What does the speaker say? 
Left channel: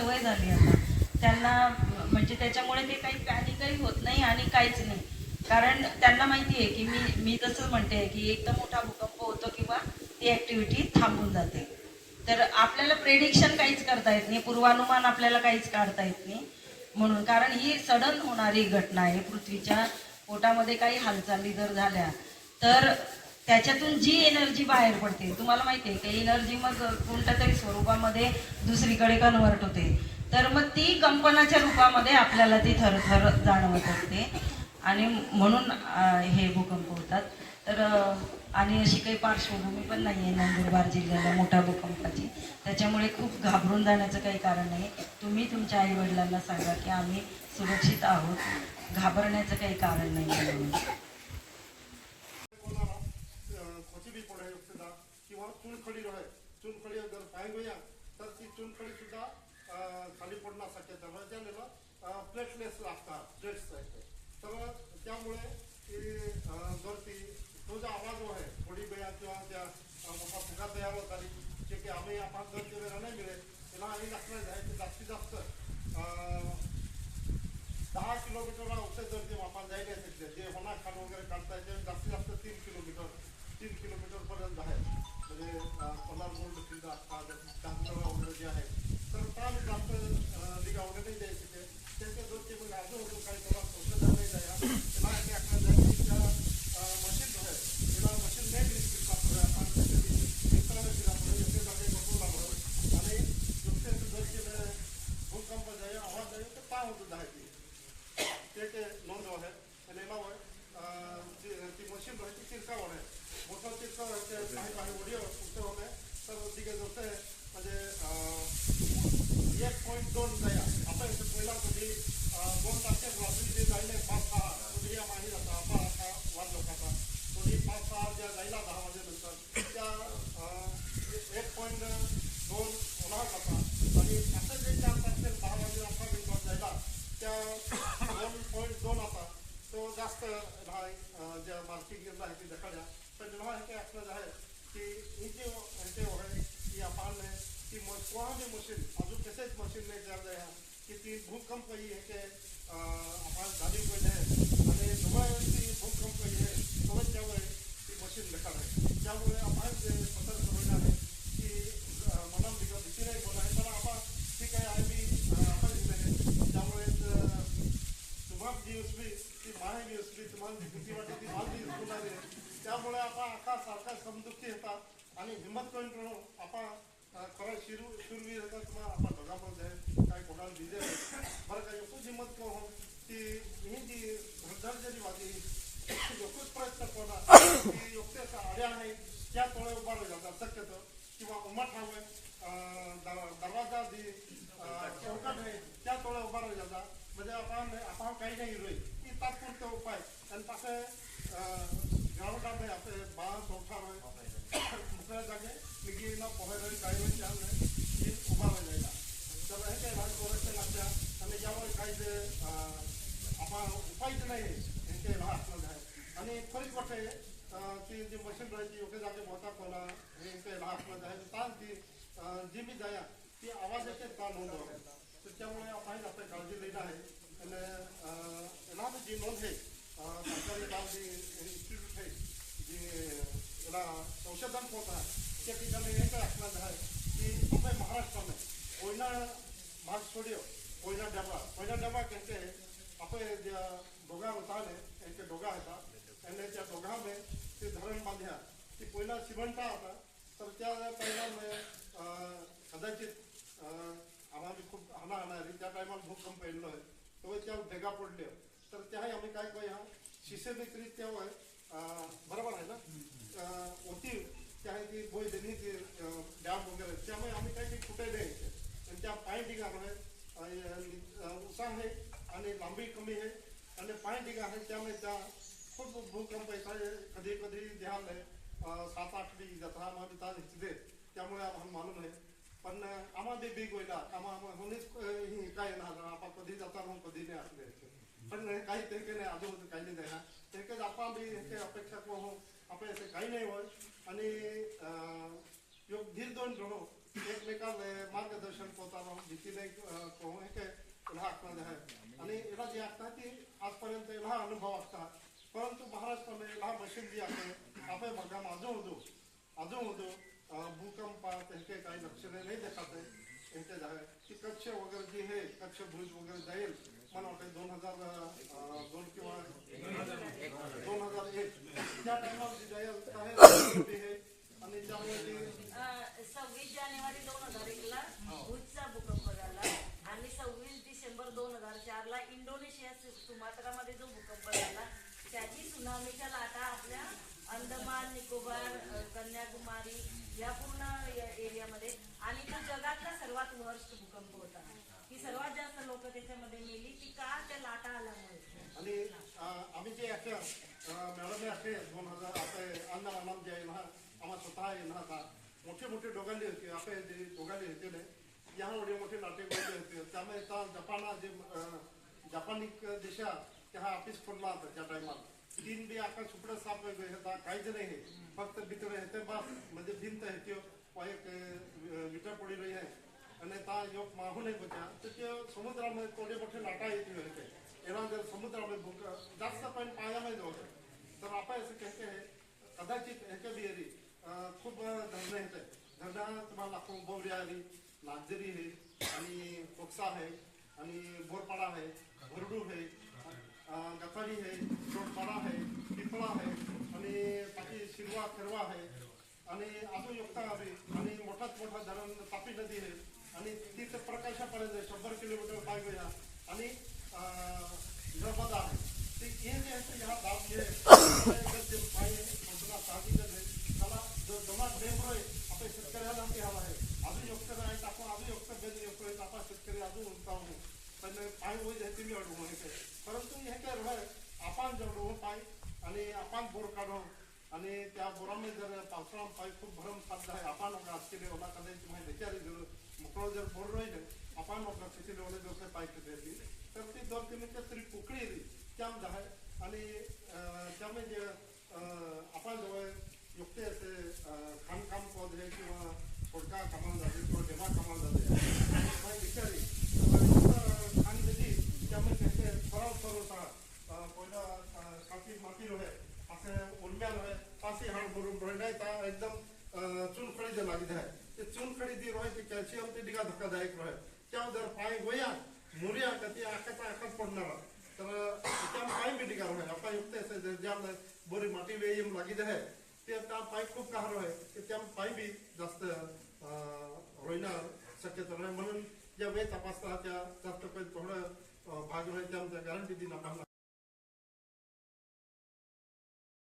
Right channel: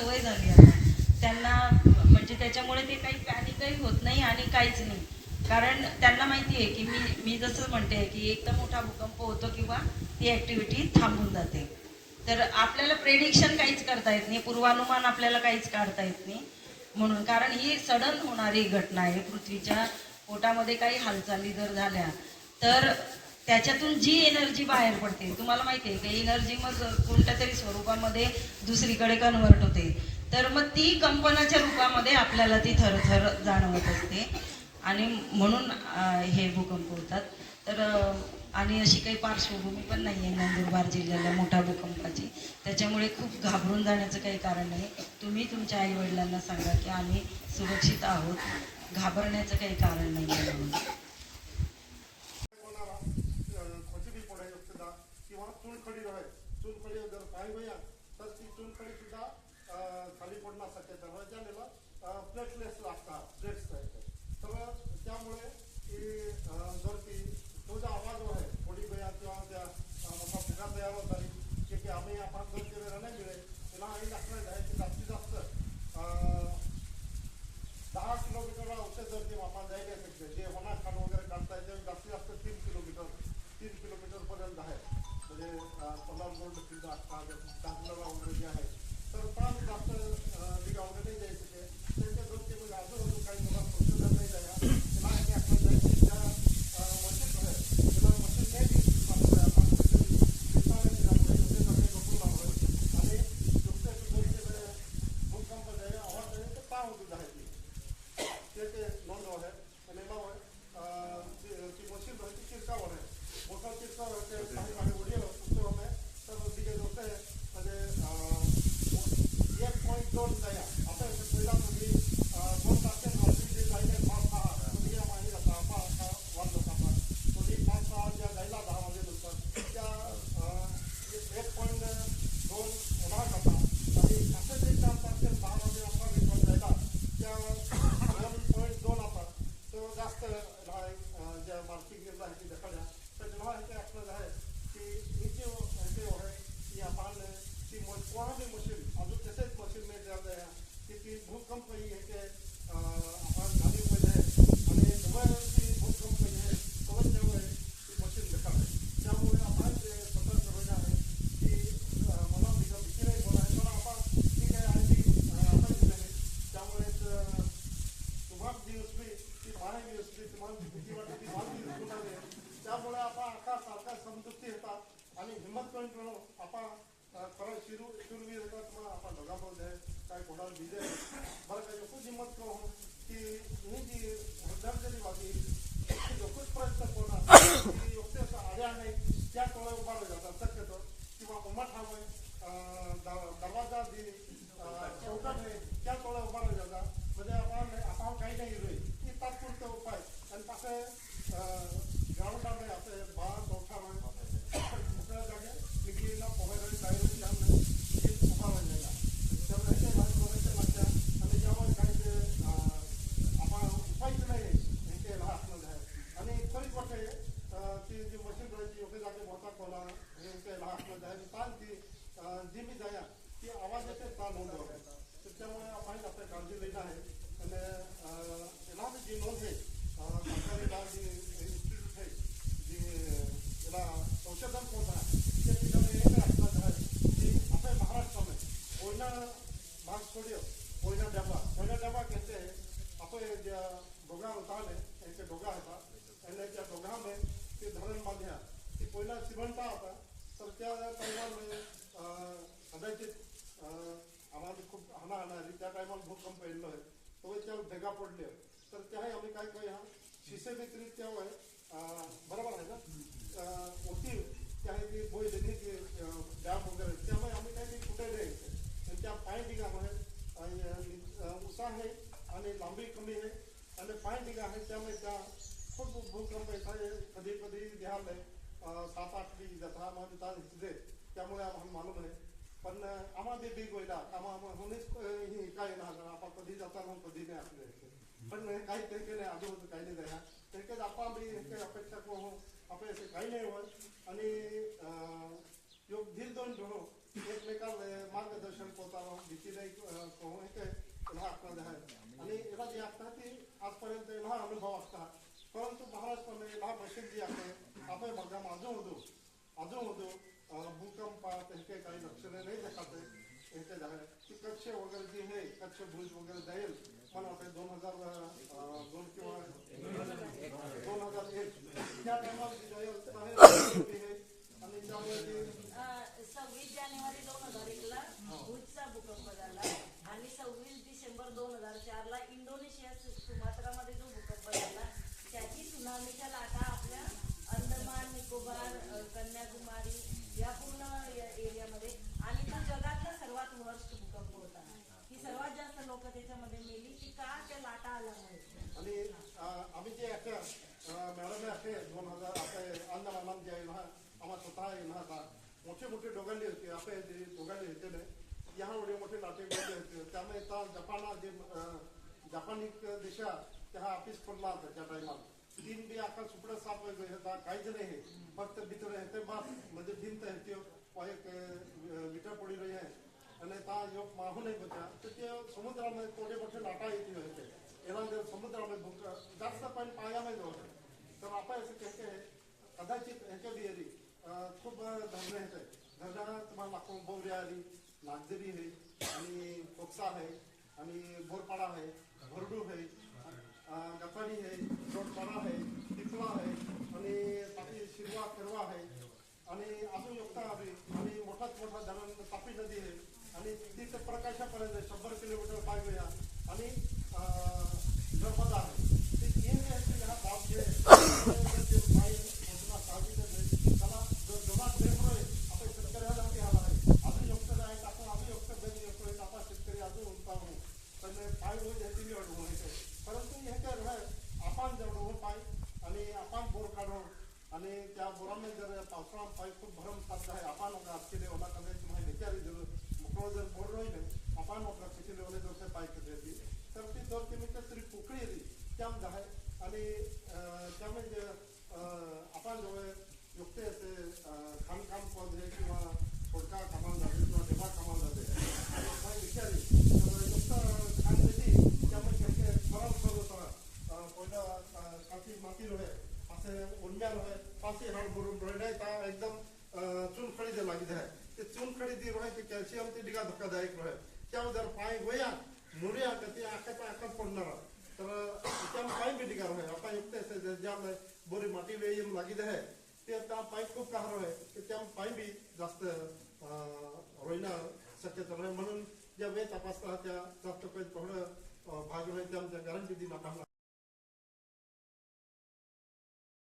सवय झाली आता. त्यांना म्हणजे त्याच्यामुळे ते काही पॅनिकही होत नाही आणि काहीच नाही. कारण त्यांना माहिती आहे की मी मी जसं म्हणते की एक तर मोठा भूकंप होतो किंवा ती ऍक्टिव्हिटी थांबून जाते. तर आपल्याला प्रेडिक्शन काहीच करता येत नाही पूर्वानुमान आपल्याला काहीच काढता येत नाही. म्हणून कारण ही सडन होणारी घटना आहे पृथ्वीच्या पोटामध्ये काही हालचाली जर झाल्या तर त्याच्यातून जी एनर्जी बाहेर पडते तुम्हाला माहिती आहे की एनर्जी मग कोणत्या तरी स्वरूपामध्ये दुसरीकडे कन्वर्ट होते. तर मग ती कंपनाच्या रूपामध्ये आपल्याला ती थरथर जाणवत असते. आणि म्हणून हे भूकंप होतात. तर आणि अशी काही पार्श्वभूमी पण नाही आहे नंदुरबार जिल्ह्याला मोठ्या भूकंपाची. त्याच्यामुळे खूप घाबरून जाण्याचं काही कारण नाही तुम्ही तुमच्या आईवडिलांना सांगा की आम्ही सुरक्षित आहोत. घाबरण्याचं काही कारण नाही आहे म्हणून. पडण्यास ज्याला प्लेटलेस लागतात प्लेट्स आहेत तर त्यामुळे जर ती तो जो आवाज़ आहे, थोडी वेळा किंवा त्या मोठा फुगा तयार होत जे की आम्ही आपण जर ते वेळा नाही मिळेल त्याला आम्ही दाखवायचं आहे की जास्तीत जास्त दहा किलोमीटर औषध जर ते वापर जायला शकते जे होणार खाण वगैरे काढता येते, जास्तीत जास्त तीन किलोमीटर तीन किलोमीटर पर्यंत आहे. म्हणजे पन्नास गोल्ड किल्ला असतात चांदला वगैरे जे आहे. तर त्या जास्त आवाज जाय तर काय होतं आहे ती ते ते नोंद आहे અને એમાં હોય અ, જે જે મશીન હોય તે ચિરકાવડ आहे मोठा चिरकाव आहे ते काही काही व्हिडिओ पुस्तक होते तर तिकडे होते म्हणजे अ, एक पॉईंट दोन जाया ती भूकंप आपण झाली पाहिजे आणि जेव्हा ती भूकंप ही आहे तेव्हा त्यामुळे ती मशीन देखाड त्यामुळे आपण जे सतर्क होईल आहे की मला भीती नाही बोला आहे पण आपण ठीक आहे ती आपण त्यामुळे तुम्हाला जी उसबी ती माय बी उसबी तुम्हाला भीती वाटते ती मला बी होणार आहे त्यामुळे आपण आका सारखा समजुती येतात आणि हिंमत करून करून आपण अं, खरं शिरू शिरवी येतात तुम्हाला आपण बघामध्ये काय कोणाला दिले बरं का एकूच हिंमत करून ती ही जी भरदारजरी वादी एकूच प्रयत्न करणार की योग्य आड्या नाही त्या तोळे उभा जातात शक्यतो किंवा उमट हवं परिवर्तन कोटा इसके पीछे में यही रखना है कि अपने महाराष्ट्र में कोयला भाग स्टूडियो कोयला डबा. कोयला डबा कहते हैं अपने डोगा होता है ऐसे डोगा होता आणि त्या दोघांमध्ये ते धरण बांधल्या ती पहिला श्रीमंता होता तर त्या परिणामे कदाचित आम्हाला खूप हाना हाणारी त्या टायमाला भूकंप येल्लो आहे. तो त्या ढेगा पडल्यो तर त्याही आम्ही काय करूया? शिष्यमित्रित्या होय. बरोबर आहे ना? होती त्या आहे की त्यांनी ते डॅम वगैरे. त्यामुळे आम्ही काही कुठे नाही आणि त्या पाय ठिकाण आहे. उसा आहे आणि लांबी कमी आहे. आणि पाय ठिकाण आहे त्यामुळे त्या खूप भूकंप येतात कधी कधी ध्यान आहे. सात आठ दी जत्रा मध्ये ताज हिचदे त्यामुळे आम्हाला मालूम आहे. पण आम्हाला बीग होईला. आम्हाला होणीच ही काय येणार? आपण कधी जाता मग कधी नाही असले पण काही तरीके नाही. अजून काही नाही द्या ते आपण बी अपेक्षा करू आपण असं काही नाही होत. आणि योग धीर दोन घेणं एकमेकांना मार्गदर्शन पोताना भीतीने कोण हे ह्या आखणार आहे. आणि याला जे आखणार ती आजपर्यंत ह्या अनुभव असता परंतु महाराष्ट्राने ह्या मशीन जी आहे आपण बघा माझं होतो. अजून होतो. भूकंपात हे काही काही लक्षणे नाही देखात यांचे की कच्छ वगैरे जी हे कच्छ भुज वगैरे जाईल मला वाटतं दोन हजार अं, दोन हजार एक त्या टायमाला जी जाईल तर हे हे आणि त्यामुळे ती सव्वीस जानेवारी दोन हजार एक ला भुजचा भूकंप झाला आणि सव्वीस डिसेंबर दोन हजार चार ला इंडोनेशिया सुमात्रा मध्ये जो भूकंप झाला त्याची सुनामीच्या लाटा आपल्या अंदमान निकोबार अ, कन्याकुमारी या पूर्ण या एरियामध्ये आणि तो जगातला सर्वात वर्स्ट भूकंप होता की सर्वात जास्त लोक त्याच्यामध्ये मेली ती का त्या लाटा आल्यामुळे आणि আমি যে একটা ম্যাডামে আছে दोन हजार आपले अण्णा मानाम जे आहे ना आम्हा स्वतः येणार होता मोठे मोठे डोगाले होते आपले जे डोगाले होते ना या एवढे मोठे नाटेगावले होते त्यामुळे त्या जपाना जे जपानिक देशा त्या हा ऑफिस खोलला होता त्या टायमाला तीन बी आकाश सुपडं साफ वेगळे होता काहीच नाही हे फक्त भीतर येते बाप म्हणजे भिंत येते एक विटा पडी रही आहे. आणि ता योग माहू नाही बचा तर ते समुद्रामध्ये थोडे मोठे लाटा येते એના जर समुद्रामध्ये भूक जास्त पाणी पाण्यामध्ये होते. तर आपण असं कहते आहे कदाचित ह्याच्या बिहेरी खूप धरणं आहेत. धरणं तुम्हाला लागतो बोवरी आली नागझरी आहे आणि कोक्सा आहे आणि बोरपाडा आहे भरडू आहे अं, आहे चोटपाडा आहे पिपळा आहे आणि बाकी शिरवा खेरवा आहे. आणि अजून योगता आहे आणि मोठात मोठा धरण तापी नदी आहे. आणि तिथं प्रकाशापर्यंत शंभर किलोमीटर पाहिजे आणि अं, आहे ते जे आहे ते जे साहजिकच आहे त्याला जर जमा ड्रेम आहे आपण शेतकऱ्याला ते हवा आहे अजून युक्त आहे आपण अजून योग्य बेन युक्त आहे आपण शेतकरी अजून उंचावू पण होईल ह्याची तुम्ही अडवू माहिती परंतु हे काय रहाय आपण जवळ पाय आणि आपण बोर काढून आणि त्या बोरामध्ये जर पावसाळा पाय खूप भरम साध्य आहे आपण आजचे ओला कदाचित माहिती विचारी जर मोकळं जर बोर राहिले आपण किती पाय कधी तर ती दोन तीन तरी पोकळी येली त्यामध्ये आहे. आणि त्यामुळे जे आपण जवळ युक्त असे खाणकाम पद हे किंवा खोडका कामाला झाले किंवा देवा कामाला झाले आणि विचारली तर दिली खाण त्यामुळे त्याचे सराव सर होता. पहिला पहिलं अं, काठी माती रहे पासे उन्म्या रहे हाड भरून रहे नाही एकदम चुनखडी जे लागित. आहे ते चुनखडी जी रहे ते कॅल्शियम ते डिगा धक्कादायक रहे त्या जर पाय गोया मुरिया का ते आकाचा आकाच पडणार तर त्यामुळे पाय बी डिगा रहे आपण युक्त असे ज्याम बरी माटी वेयम लागित आहे ते त्या पाय खूप कहार आहे. की त्या पाय बी जास्त रोयणार शक्यता नाही. म्हणून ज्या वेळ तपासता त्या जास्त काही थोडं भाग राहील त्या गॅरंटी दिना पाहणार.